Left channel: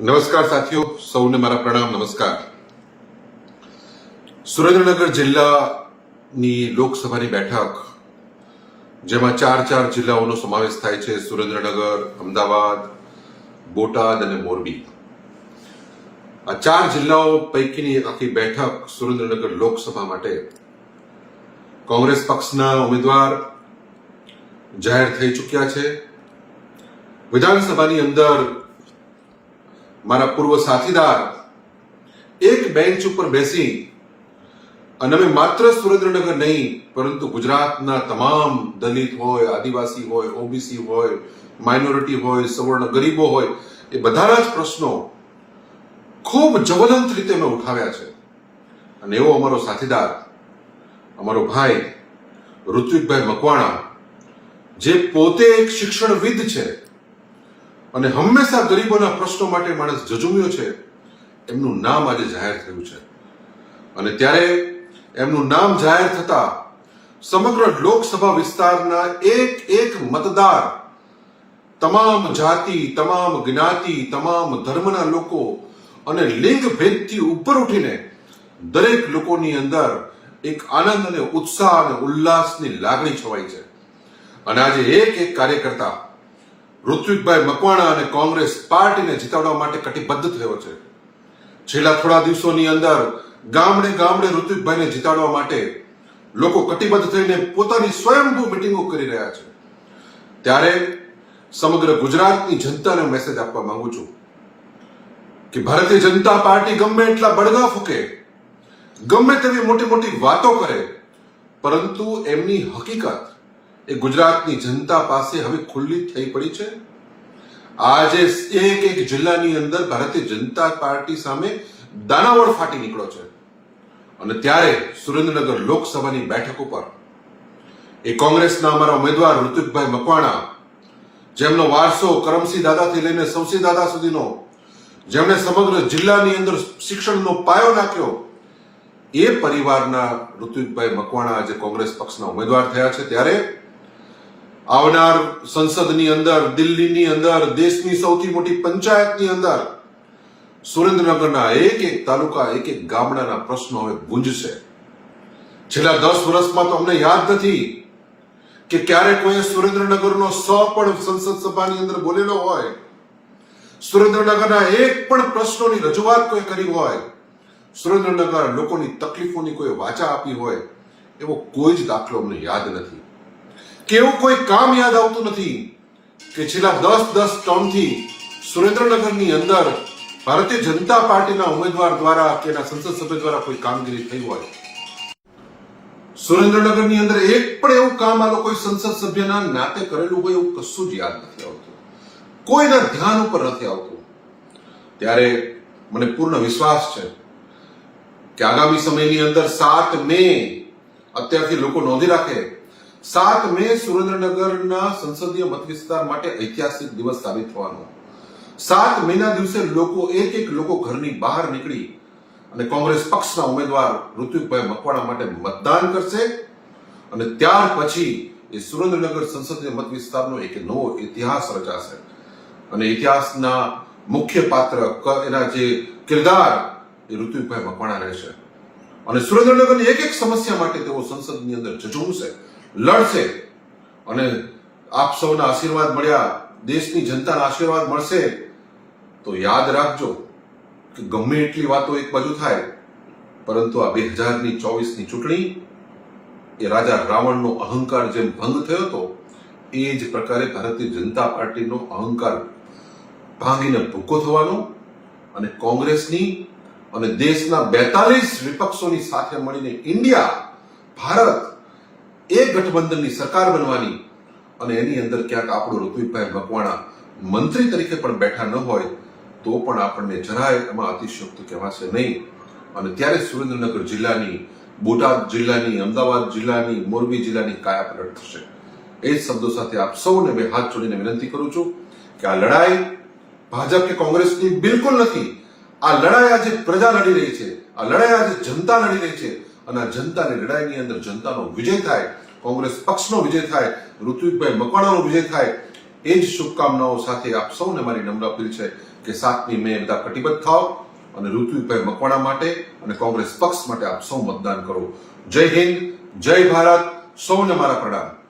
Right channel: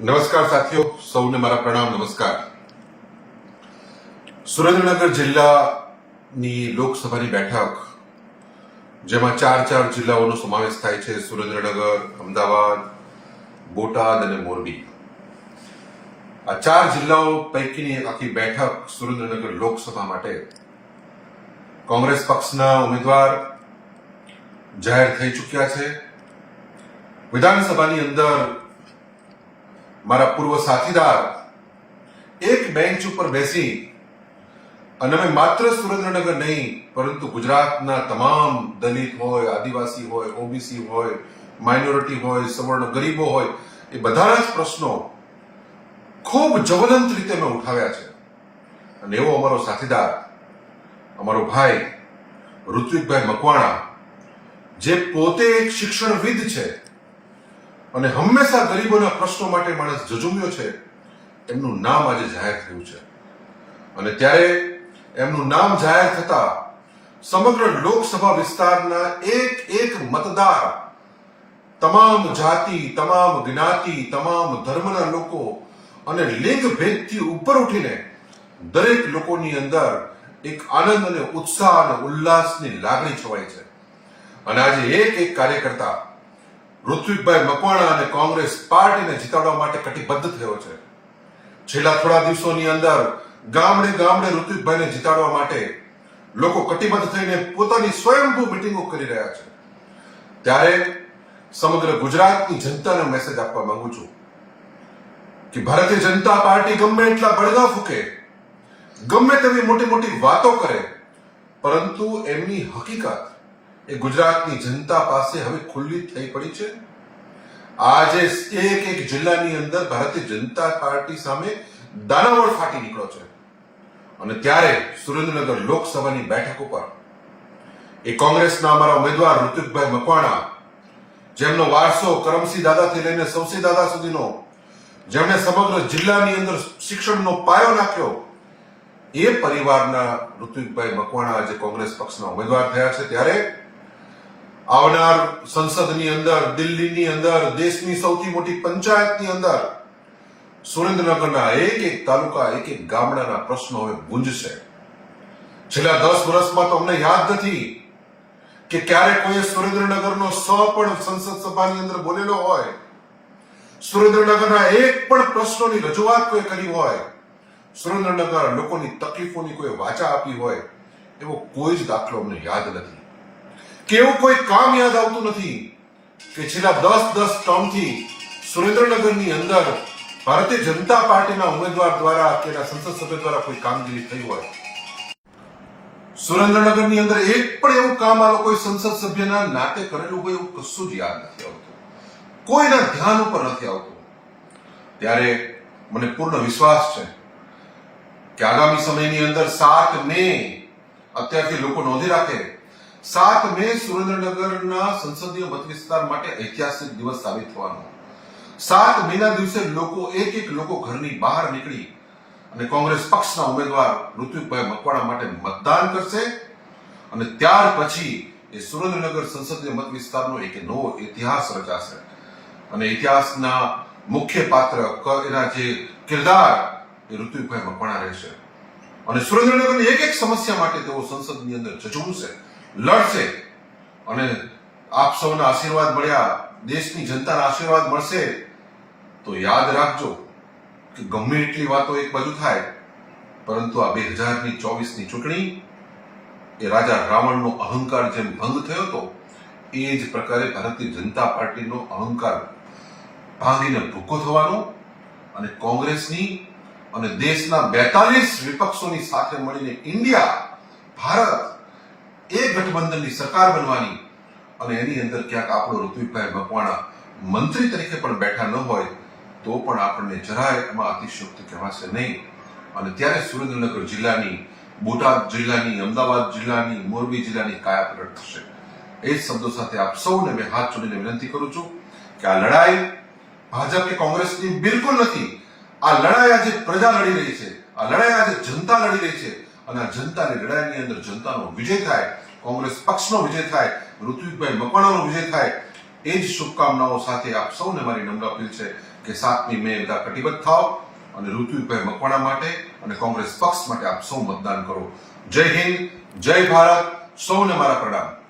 નમસ્કાર સાથીઓ, સૌને મારા પ્રણામ, નમસ્કાર. સુરેન્દ્રનગર જિલ્લાની લોકસભાની બેઠક, જેમાં ચાર ચાર જિલ્લાઓનો સમાવેશ થાય છે, સુરેન્દ્રનગર, અમદાવાદ, બોટાદ અને મોરબી. આ ચાર જિલ્લાઓ પૈકીની એક આખી બેઠક સુરેન્દ્રનગર લોકસભા માટે કોંગ્રેસ પક્ષના ઉમેદવાર જાહેર થઈ ચૂક્યા છે. વિધાનસભાની અંદર મારા પૂર્વ સાથીદાર, એક બેન્ચ ઉપર બેસી અને અમે માત્ર સુરેન્દ્રનગર નહીં, પરંતુ ગુજરાતના તમામ દલિત હોય, આદિવાસી હોય, ઓબીસી હોય, માઇનોરિટી હોય, સવર્ણ ગરીબો હોય, એ બધાના જ પ્રશ્નો ખૂબ જવલંત રીતે મેં ઉઠાવ્યા છે. અને એવો અમારો સાથીદાર, અમારો ભાઈ, ઋત્વિકભાઈ મકવાણા, જે પોતે એક શિક્ષણવિદ છે અને હંમેશા ગરીબોના પ્રશ્નો માટે માણસ જજુમ્યો છે, એમનું નામ આજે જાહેર થયું છે. અને ત્યારે એમનું નામ જાહેર થતા સમગ્ર લોકસભા વિસ્તારના એક એક મતદાર, તમામ જાતિ, તમામ જ્ઞાતિ, તમામ ધર્મના લોકો અને લિંગ ભેદથી ઉપર ઉઠીને દરેક લોકોની અંદર એક આનંદ અને ઉત્સાહ અને ઉલ્લાસની લાગણી છવાઈ છે. અને આજે એક એક કાર્યકર્તા ઋત્વિકભાઈ મકવાણા અને કોંગ્રેસ પાર્ટીને જીતાડવા માટે કટિબદ્ધ થયો છે. છેલ્લા થોડા દિવસોની અંદર ગામડે ગામડે ઋત્વિકભાઈને જીતાડવા માટે લોકો કટિબદ્ધ થઈને પોતાની સ્વયંભૂ મિટિંગો કરી રહ્યા છે. ત્યારે સમગ્ર ગુજરાતની જનતાને મેસેજ આપવા માંગુ છું કે ભારતીય જનતા પાર્ટી ગમે એટલા બળગા ફૂકે, ગમે તેવી મોટી મોટી વાતો કરે, પરંતુ એમની હકીકત એ ગુજરાતની જનતા પાસે હવે ખુલ્લી થઈ પડી છે. આજે એક એક જિલ્લાની અંદર ભારતીય જનતા પાર્ટી સામે દાનાવળ ફાટી નીકળ્યો છે. અને ત્યારે સુરેન્દ્રનગર લોકસભાની બેઠક ઉપર એ કોંગ્રેસના અમારા ઉમેદવાર ઋતુકભાઈ મકવાણા, જેમનો વારસો કરમસિંહ દાદાથી લઈને સૌસી દાદા સુધીનો, જેમણે સમગ્ર જિલ્લાની અંદર શિક્ષણનો પાયો નાખ્યો, એ પરિવારના ઋતુકભાઈ મકવાણા આજે કોંગ્રેસ પક્ષના ઉમેદવાર થયા છે. ત્યારે આવનાર સંસદની અંદર, દિલ્હીની અંદર, દેશની સૌથી મોટી પંચાયતની અંદર, સુરેન્દ્રનગરના એક એક તાલુકા, એક એક ગામડાના પ્રશ્નો હવે ગુંજશે. છેલ્લા દસ વર્ષમાં તો અમને યાદ નથી કે ક્યારે કોઈએ સુરેન્દ્રનગરનો સો પણ સંસદ સભાની અંદર બોલેલો હોય, સુરેન્દ્રનગરના એક પણ પ્રશ્નોની રજૂઆત કોઈ કરી હોય, સુરેન્દ્રનગર લોકોની તકલીફોની કોઈ વાચા આપી હોય, એવો કોઈ જ દાખલો અમને યાદ નથી. કે એવું કોઈ કામ યાદ આવતું નથી કે છેલ્લા દસ દસ ટર્મથી સુરેન્દ્રનગરની અંદર ભારતીય જનતા પાર્ટીના ઉમેદવાર દ્વારા કે એના સંસદ સભ્ય દ્વારા કોઈ કામગીરી થઈ હોય. સુરેન્દ્રનગરની અંદર એક પણ એવું કામ આ લોકોએ સંસદ સભ્યના નાતે કરેલું હોય એવું કશું જ યાદ નથી આવતું. કોઈના ધ્યાન ઉપર નથી આવતું. ત્યારે મને પૂર્ણ વિશ્વાસ છે કે આગામી સમયની અંદર સાત મે અત્યારથી લોકો નોંધી રાખે સાત મે સુરેન્દ્રનગરના સંસદીય મત વિસ્તાર માટે ઐતિહાસિક દિવસ સાબિત થવાનો. સાત મેના દિવસે લોકો, એક એક લોકો ઘરની બહાર નીકળી અને કોંગ્રેસ પક્ષના ઉમેદવાર ઋત્વિકભાઈ મકવાણા માટે મતદાન કરશે અને ત્યાર પછી એ સુરેન્દ્રનગર સંસદીય મત વિસ્તારનો એક નવો ઇતિહાસ રચાશે. અને ઇતિહાસના મુખ્ય પાત્ર એના જે કિરદાર એ ઋત્વિકભાઈ મકવાણા રહેશે. અને સુરેન્દ્રનગરની એક એક સમસ્યા માટે તેઓ સંસદની અંદર ઝઝૂમશે. લડશે. અને આપ સૌના આશીર્વાદ મળ્યા, દેશની જનતાના આશીર્વાદ મળશે. તો યાદ રાખજો કે ગમે એટલી વાતો એક બાજુ થાય, પરંતુ આ બે હજારની ચોવીસની ચૂંટણી, એ રાજા રાવણનો અહંકાર જેમ ભંગ થયો હતો, એ જ પ્રકારે ભારતીય જનતા પાર્ટીનો અહંકાર ભાંગીને ભૂકો થવાનો અને કોંગ્રેસની અને દેશના બેતાલીસ વિપક્ષોની સાથે મળીને ઇન્ડિયા, ભારત એ ગઠબંધનની સરકાર બનવાની અને એની અંદર ક્યાંક આપણો ઋત્વિકભાઈ મકવાણા મંત્રી તરીકે પણ બેઠા ન હોય, તો પણ આપણને જરાય એમાં અતિશયોક્તિ કહેવાશે નહીં. અને ત્યારે સુરેન્દ્રનગર જિલ્લાની, બોટાદ જિલ્લાની, અમદાવાદ જિલ્લાની, મોરબી જિલ્લાની કાયા પલટ થશે. એ શબ્દો સાથે આપ સૌને મેં હાથ જોડીને વિનંતી કરું છું કે આ લડાઈ ભાજપ કે કોંગ્રેસની બિલકુલ નથી. આ લડાઈ આજે પ્રજા લડી રહી છે. આ લડાઈ આજે જનતા લડી રહી છે. અને જનતાની લડાઈની અંદર જનતાનો વિજય થાય, કોંગ્રેસ પક્ષનો વિજય થાય, ઋત્વિકભાઈ મકવાણાનો વિજય થાય, એ જ શુભકામનાઓ સાથે આપ સૌને મારી નમ્ર અપીલ છે કે સાતમી મે બધા કટિબદ્ધ થાઓ અને ઋત્વિકભાઈ મકવાણા માટે અને કોંગ્રેસ પક્ષ માટે આપ સૌ મતદાન કરો. જય હિન્દ, જય ભારત, સૌને મારા પ્રણામ.